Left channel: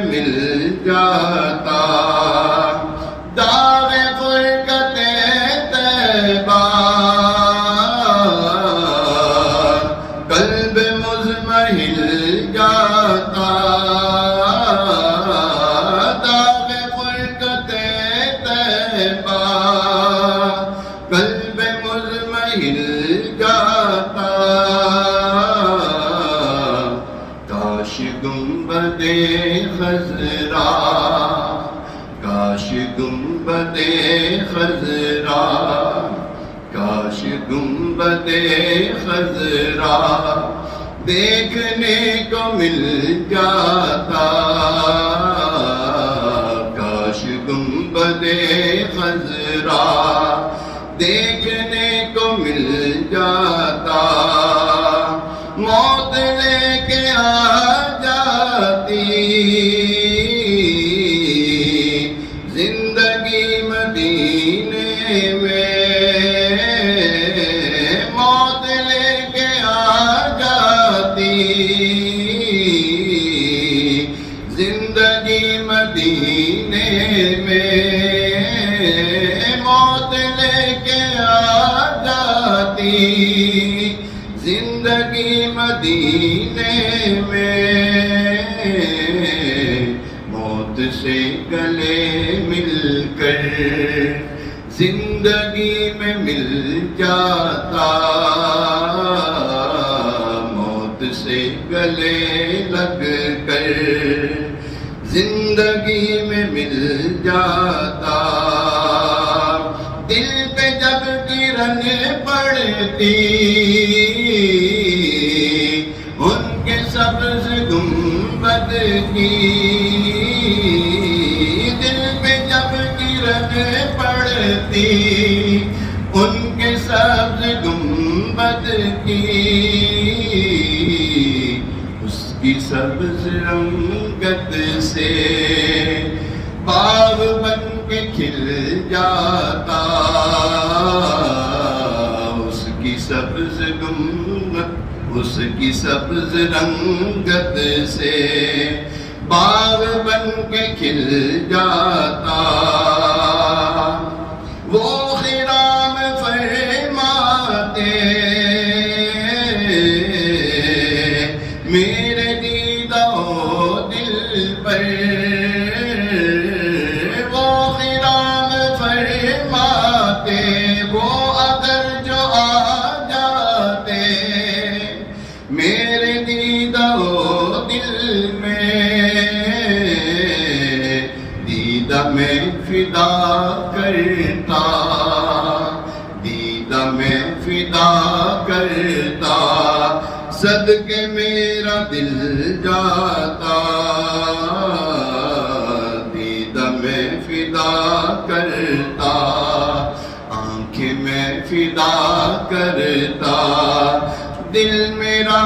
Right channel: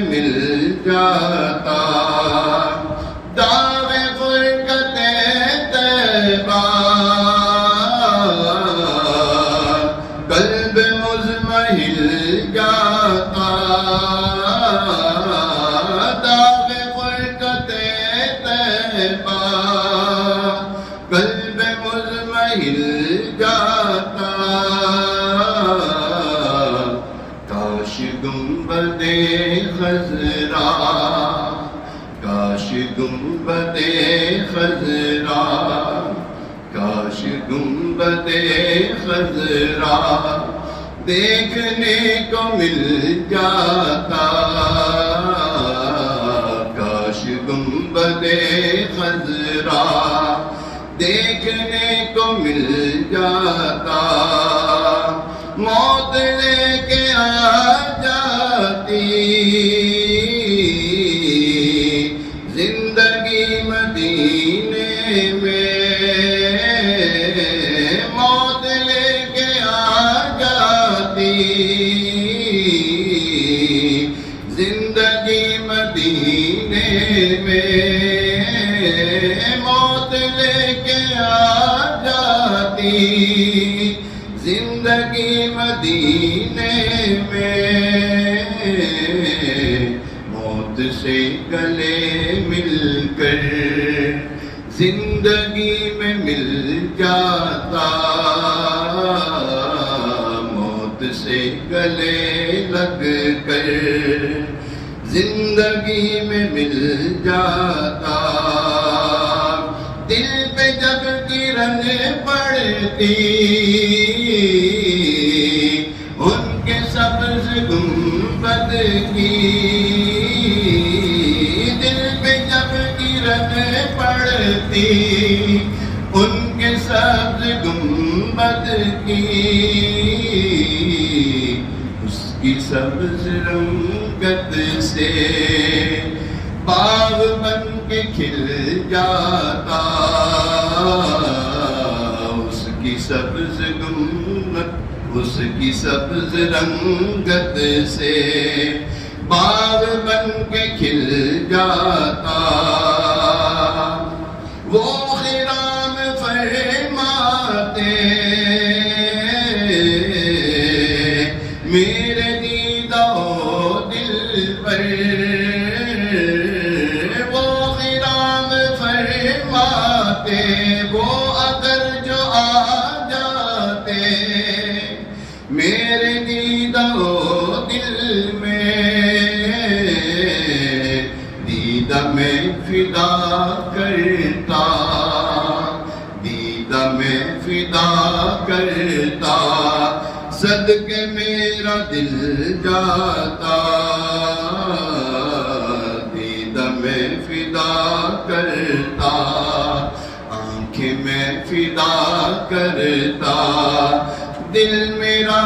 مل جاتا دار فرقت طیبہ قلب مضمحل جاتا دار فرقت طیبہ قلب مضمحل جاتا کاش گنبد خضرا کاش گنبد خضرا کاش گنبد خضرا دیکھنے کو مل جاتا کاش گنبد خضرا دیکھنے کو مل جاتا موت لے کے آ جاتی زندگی مدینے میں موت لے کے آ جاتی زندگی مدینے میں موت لے کے آ جاتی زندگی مدینے میں موت سے گلے مل کر زندگی میں مل جاتا موت سے گلے لگ کر زندگی میں مل جاتا دل پہ جب کرن پڑتی ان کے سبز گنبد کی دل پہ جب کرن پڑتی ان کے سبز گنبد کی اس کی سبز رنگت سے باغ بن کے کھل جاتا اس کی سبز گنبد اس کی سبز رنگت سے باغ بن کے کھل جاتا وہ خرام فرماتے میرے دیدہ و دل پر وہ خرام فرماتے وہ اگر جو آ جاتے میرے دیدہ و دل میں دیدہ میں فدا کرتا دیدہ میں فدا کرتا صدقے میرا دل جاتا دیدہ میں فدا کرتا آنکھیں میں فدا کرتا دل میرا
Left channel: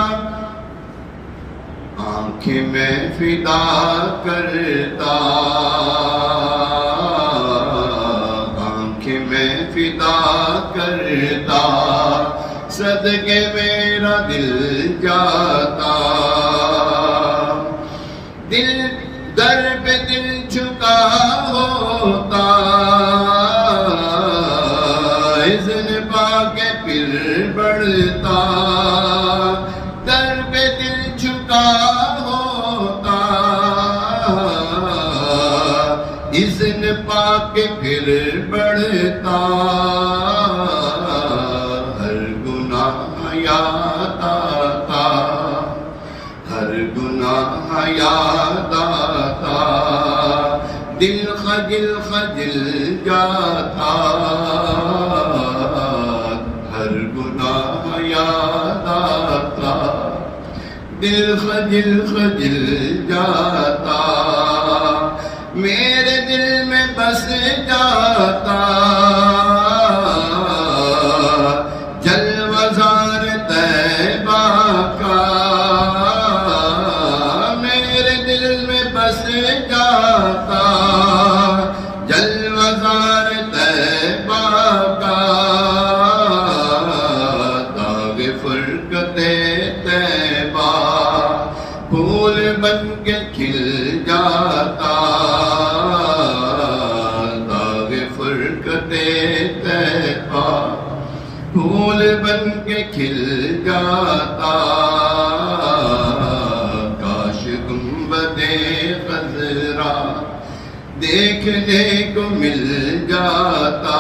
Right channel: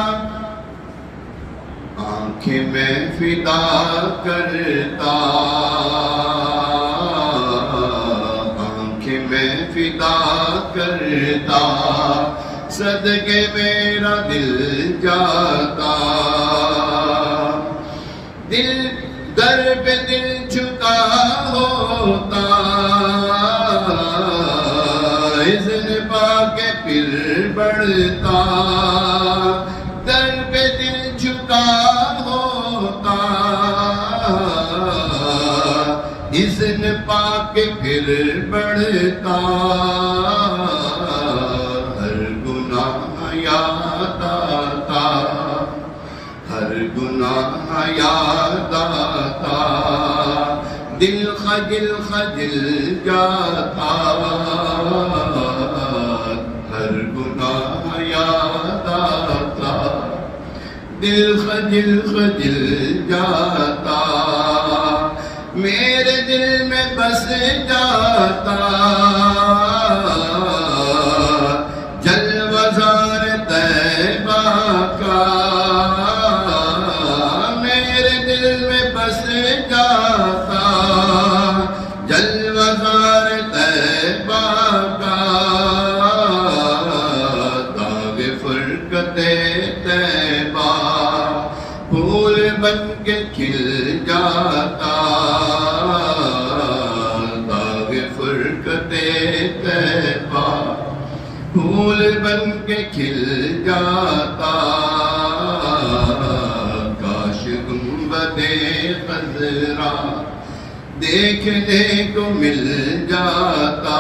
آنکھیں میں فدا کرتا آنکھیں میں فدا کرتا صدقے میرا دل جاتا دل در پہ دل جھکا ہوتا اذن پا کے پھر بڑھتا در پہ دل جھکا ہوتا اذن پا کے پھر بڑھتا ہر گناہ یاد آتا ہر گناہ یاد آتا دل خجل خجل جاتا ہر گناہ یاد آتا دل خجل خجل جاتا میرے دل میں بس جاتا جلوزار طیبہ کا میرے دل میں بس جاتا جلوزار طیبہ کا داغ فرقت طیبہ پھول بن کے کھل جاتا کے کھل جاتا کاش گنبد خضرا دیکھنے کو مل جاتا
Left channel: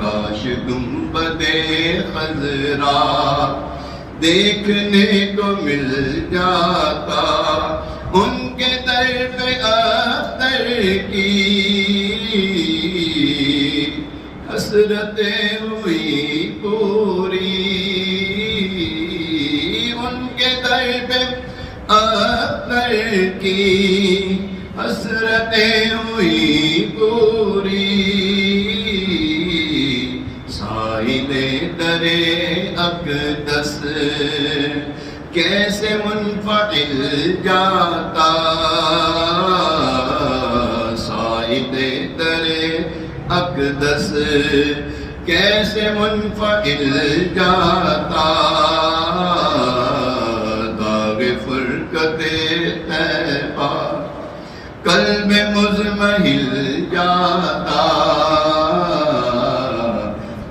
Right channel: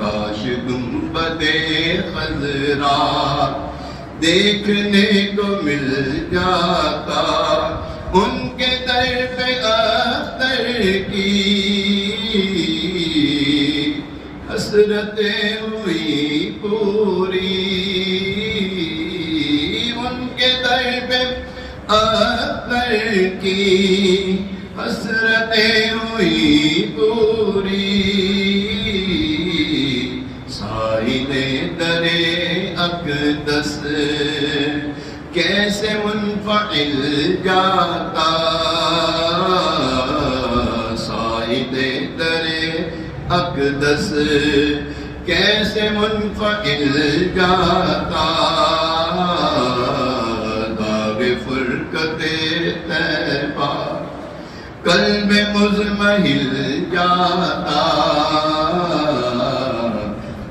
کاش گنبد خضرا دیکھنے کو مل جاتا ان کے در پہ اختر کی حسرتیں ہوئی پوری ان کے در پہ اختر کی حسرتیں ہوئی پوری سائل در اقدس کیسے منفعل جاتا سائل در اقدس کیسے منفعل جاتا داغ فرقت طیبہ قلب مضمحل جاتا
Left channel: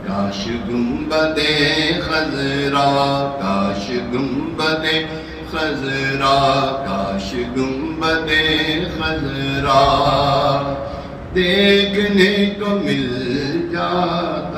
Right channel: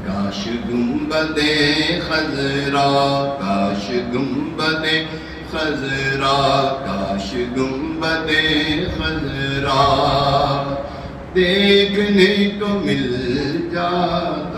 کاش گنبد خضرا کاش گنبد خضرا کاش گنبد خضرا دیکھنے کو مل جاتا